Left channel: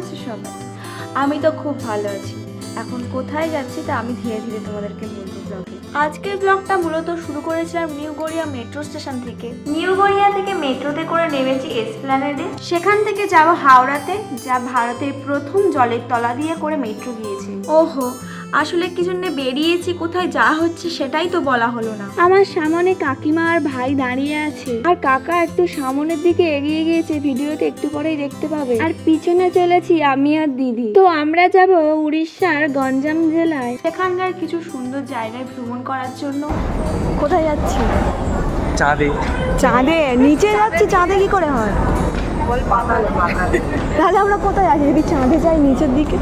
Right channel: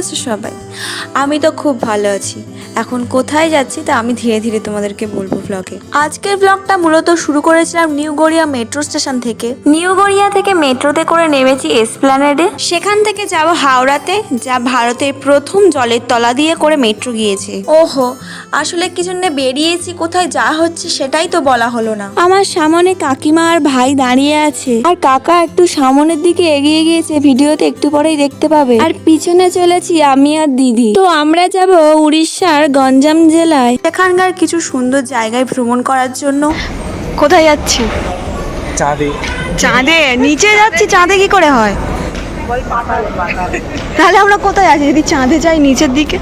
আছো সবাই? আমি তো খুব ভালো আছি। এখন কোথায় যাচ্ছি তা আমি ধীরে ধীরে তোমাদেরকে বলবো ব্লগে। আজকের ব্লগটা মূলত শুরু করেছিলাম নিউ গড়িয়া মেট্রো স্টেশন থেকে। নিউ গড়িয়া থেকে মেট্রোতে করে নেমেছি এসপ্ল্যানেডে, সেখান থেকে যাব হাওড়াতে, যা ভারতের প্রথম জলের তলা দিয়ে করে মেট্রো গিয়েছে। ওহো, আসলে কি জন্য বেরিয়েছি, কোথায় যাওয়া হচ্ছে সেটাই তো বলা হলো না। আমার সামনে কাকিমা আর ভাই দাঁড়িয়ে আছে, আর কাকা একটু সামনের দিকে এগিয়ে গিয়েছে, ভিডিওতে একটু পরেই দেখতে পাবে। আর পিছনে চলেছি আমি আর দিদি। তো আমরা যাব উড়িষ্যার গঞ্জাম জেলায়, সেখানকার কিছু সুন্দর জায়গায় ভ্রমণ করার জন্য। কোথায় যাচ্ছি? চাঁদে। চাঁদে? নিচে যাচ্ছি, চাঁদে কি করে হয়? তাহলে আমরা কোথায় আছি যদি চাঁদে যাই নিচের দিকে?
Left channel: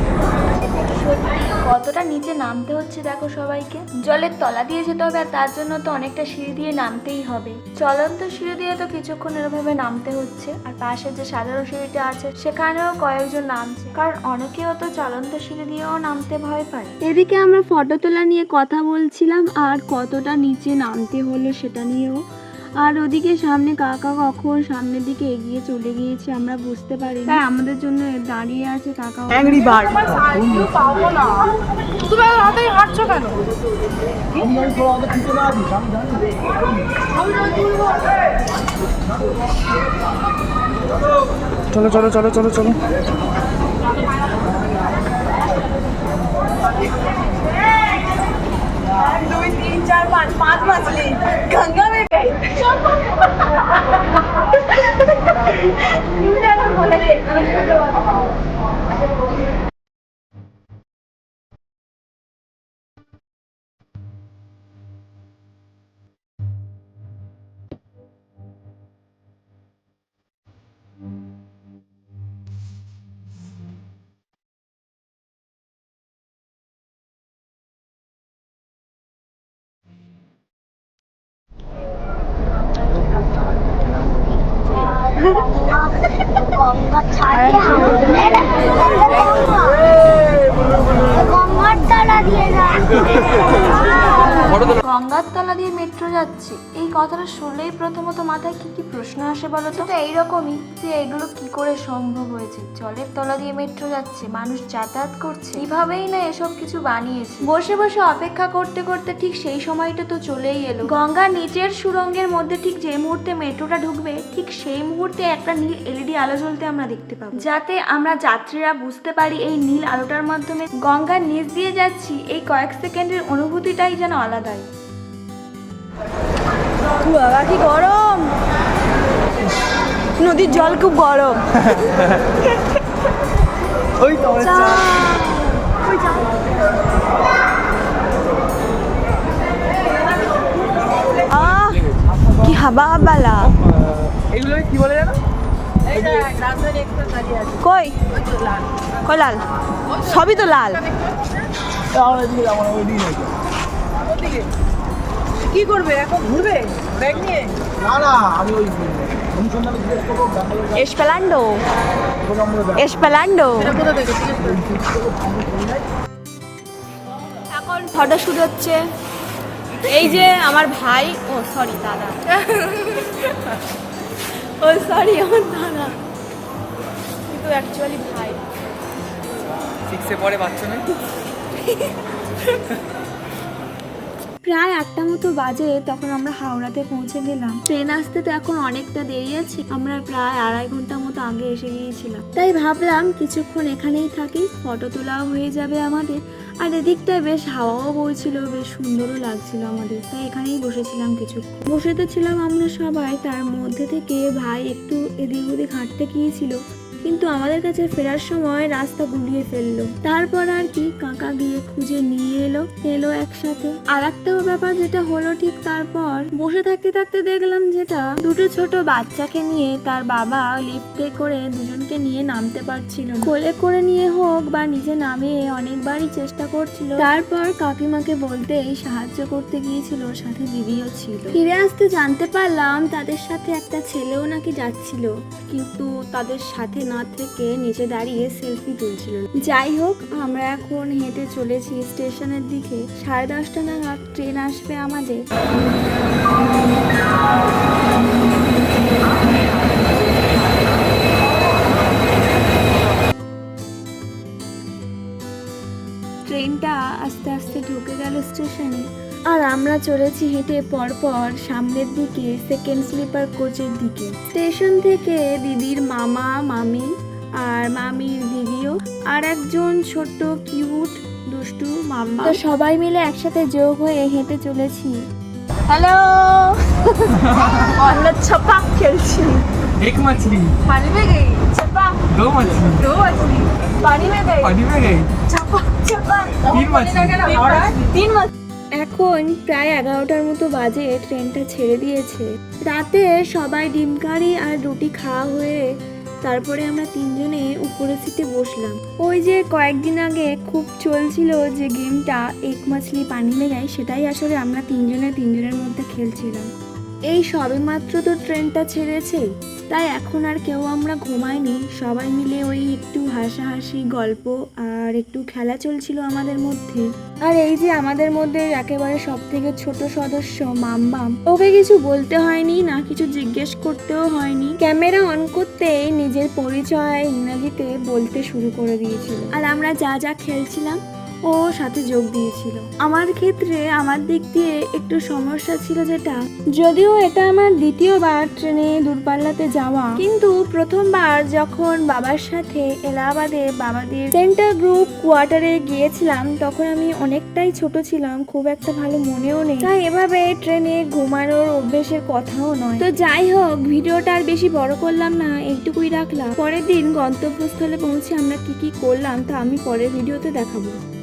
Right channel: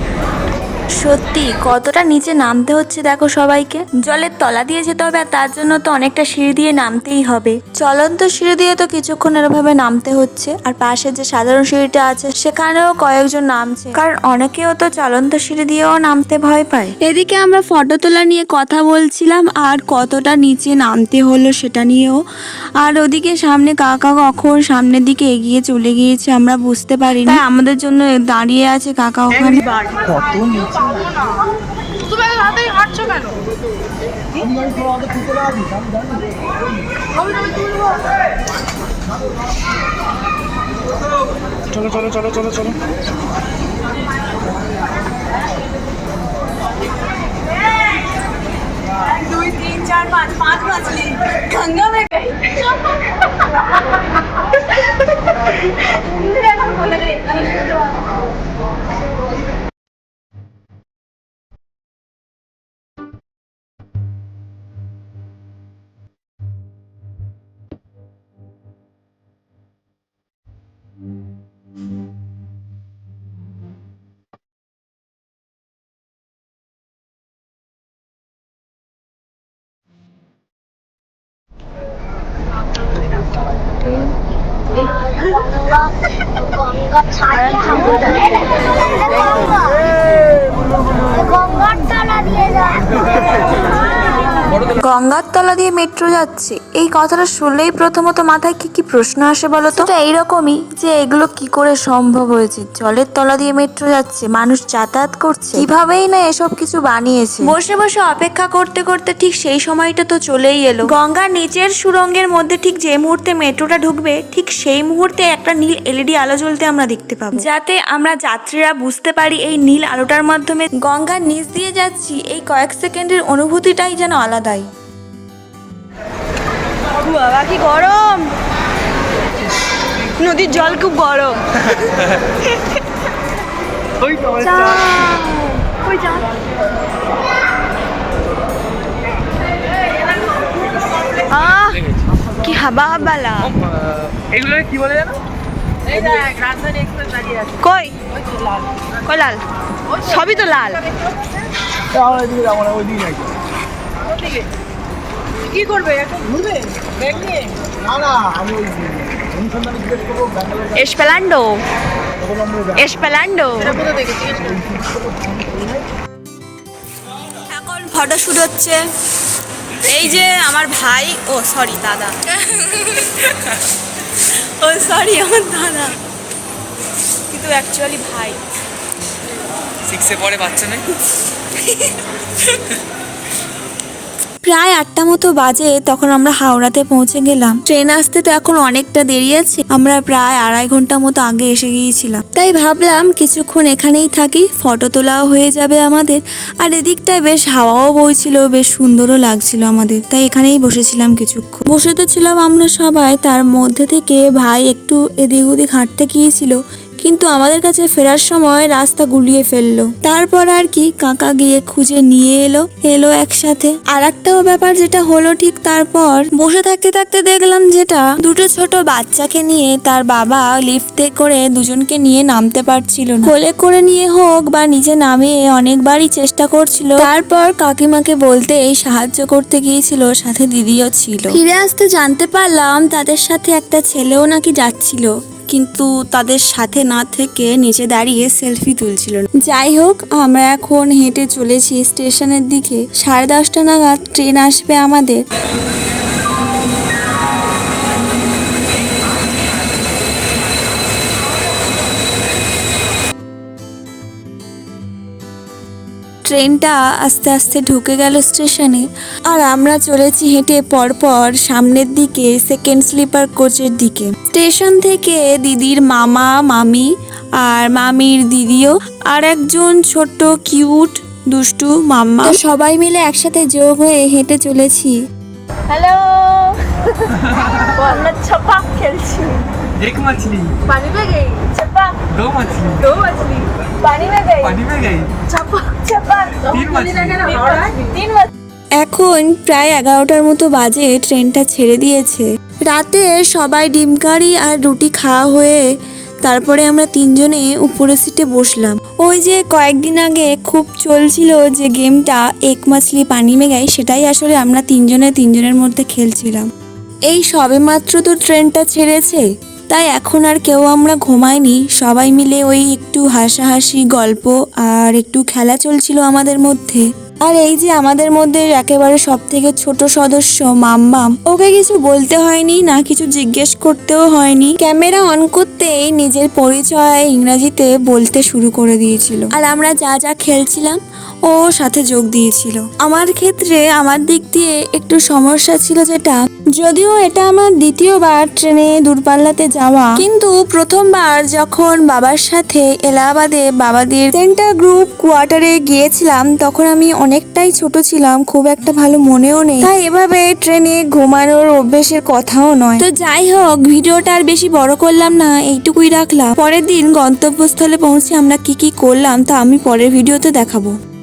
সত্যি কতটা নিচে নামতে হচ্ছে দেখো সবাইকে। জলের তলা দিয়ে যেতে হবে, আর তার জন্য তো অনেকটা সিঁড়ি দিয়ে নামতেই হবে। চলন্ত সিঁড়ি দিয়ে তো কিছুক্ষণ এরভাবে নামতে হচ্ছে, আর পাশে যে সাধারণ সিঁড়িটা আছে সেখানেও কয়েকজন নামছে, কারণ অনেকেও তো চলন্ত সিঁড়ি দিয়েও নামতে ভয় পায়। এদিকে আমরা ফটো তোলা নিয়ে কথা বলছিলাম, আর কতটা নিচে নামতে হলো সেটা নিয়েও। আর ওদিকে সামনে কাকা কখন সামনের দিকে এগিয়ে চলে গিয়েছে আমরা বুঝতে পারিনি, তাই আমাদের জন্য দাঁড়িয়ে আছে কাকা ওখানে। চলো চলো চলো চলো চলো। 1 2 3 4 5 5 मछली गंगा में गई। बोले रे গঙ্গা ছাড়ে গঙ্গার তলা দিয়ে গঙ্গার তলা দিয়ে মেট্রো যাচ্ছে, এই কথাটা শুনলেই প্রথমত মাথায় কি কি প্রশ্ন আসে বলো তো? এইরকমই যে এগুলো কি করে সম্ভব হয়েছে, জলের তলা দিয়ে মেট্রো যাচ্ছে, মানুষ যাতায়াত করছে কিভাবেই না এসব কিছু বানিয়েছে। বসে বসে অপেক্ষা করতে করতে ঠিক সেই সময়টা তো চলেই এলো। গঙ্গার নিচের সুড়ঙ্গের মধ্যে ঠিক যে মুহূর্তে মেট্রোটা ঢুকবে, ঠিক সেই মুহূর্তে একটা নীল এলইডি আলো জ্বলতে আমরা দেখতে পাবো, যাতে আমরা যাত্রীরা বুঝতে পারি এই নীল আলোটার মাধ্যমে গঙ্গার নিচ দিয়ে যাচ্ছি। এই কয়েক সেকেন্ডের অনুভূতিটাই যেন আলাদাই। বাবা কি গরম, নদীর জল খুব গরম। ওই তো আমাদের চাঁদ। কি হাবা হাবালা। এগুলো কি বলে জানো? কই কই লাল, সবই তো লাল। কি করবে এখন, ঘুরবে ব্যাগ নিয়ে? না না, আমি ওই এসপেলান্ডো এসপেলান্ডো। এখন ফটো শুট হচ্ছে। এই যে আমার ভাই, ও সরি দাদা, ও সরি আমার দাদা, কিন্তু অ্যাকচুয়ালি ভাই। 6 পরে বাচ্চা নেই। প্রায় 8টা মতো বাজে তখন আমরা হাওড়াতে পৌঁছে গেলাম। ট্রেন আসতে তো এখন অনেকটা দেরি আছে, আমরা প্রায় 2.5 ঘন্টা মতো আগে এসে গিয়েছিলাম, তাই ভাবলাম কিছুক্ষণ এখানেই থাকি, ফটো তোলাও হয়ে যাবে আমাদের। আর এদিকটায় বেশ হাওয়াও বইছিল, বেশ সুন্দরও লাগছিল আমাদের, তাই এখানেই বসেছিলাম কিছুক্ষণ। বসে তো ছিলাম আমরা সবাই, তার মধ্যে থেকে ভাই একটু এদিক ওদিক হাঁটতে গিয়েছিল, কিন্তু আমাদের কাছে ফেরার সময় রাস্তা গুলিয়ে ফেললো। তারপর আর কি কাকা গিয়ে খুঁজে নিয়ে এলো একসাথে। আর একটাও ব্যাপার যেটা হলো ঠিক তারপর বসে থাকতে থাকতে দেখলাম যেটা, দুটো ছোট বাচ্চাকে নিয়ে তার বাবা লিফটে করে দুজনকে নিয়ে নামতে পারছিল না। কোলে করে নিয়ে হোক বা নিচে নামিয়ে অনেকবারই চেষ্টা করছিল, তারপর কাকিমাকে বলতে এই সাহায্য করতে গিয়েছিল, সাথে দিদিও ছিল। ফিরে আসতে জানতে পারলাম তাদের সাথে একটা ছেলেও নাকি যাচ্ছিল, কিন্তু তাদের সাথে না থেকে নিচে দাঁড়িয়ে সেলফি তুলছিল। যাই হোক, আমরা এখন হেঁটে চলেছি স্টেশনের দিকে। 10:30 নাগাদ ট্রেন আসবে আমাদের। ট্রেনটা আস্তে আস্তে ঢুকে গেল স্টেশনে, আর আমরা চলেছি হেঁটে পরপর সামনের দিকে সেকেন্ড স্লিপার কোচের দিকে। স্টেশন থেকে দিদির মামা মামি আর মামির দিদিও আর একজন ছোট্ট কিউট দুষ্টু মাম্মা, তো সবাই মিলে একসাথে যোগ হয়ে হেঁটে চলেছি। হ্যালো আমরা ছপাক খেলছি। एक मछली पानी में गई छपाक, दो मछली दो मछली पानी में गई पानी में गई छपाक छपाक, तीन मछली तीन मछली। এখন প্রায় 11টার মতো বাজে, ট্রেনটা ছেড়ে দিয়েছে। রাতে সবাই ডিম কারি আর রুটি খাওয়া হয়ে তারপরে আমরা তিনজনে উপরের সিটে বসলাম। ওই যে কয়েকদিন আগে খুব চলছিল যে গেমটা এক মাছলি পানি মে গাই, সেটাই আসলে আমরা তিনজনের মধ্যে খেলছিলাম। এই সবে মাত্র তো ট্রেনটা ছেড়েছে, তাই এখন আর কেউ আমরা ঘুমাইনি। সবাই মিলে ওই একটু হাসাহাসি গল্প আর একটু খেলা চলছিল আমাদের মধ্যে। আর এই যে আমাদের মধ্যে একেবারে সব থেকে ছোট সদস্য মাম্মাম, ওকে কিছু বলতে হয়নি না কিছু জিজ্ঞেস করতেও হয়নি, ক্যামেরা অন করতেই নিজের পরিচয় ইংরেজিতে বলতে শুরু করে দিয়েছিল। আর আমরা যা যা খেলছিলাম ও সাথে যোগ দিয়েছিল। আমার ক্ষেত্রে আমার দিক দিয়ে একটু সমস্যা ছিল, যেটা যদিও এটা আমার দ্বিতীয়বার ট্রেনে দূরপাল্লাতে যাওয়া, কিন্তু প্রথমবার যখন বাবার সাথে এলাহাবাদে বাবাদের সেন্টার গ্রুপ কোয়ার্টারে গিয়েছিলাম তখন আমি অনেকটাই ছোট ছিলাম, খুব একটা ভালো মনেও নেই, তাই এভাবে ট্রেনে ঘুমানোর অভ্যেসের কথাও নয়। তো যাই হোক, ভিডিওটা আর বেশি বড় করলাম না, এইটুকুই রাখলাম। পরের দিন গন্তব্যস্থলে পৌঁছে আমরা কি কি করলাম তা আমি পরের ভিডিওতে দেখাবো।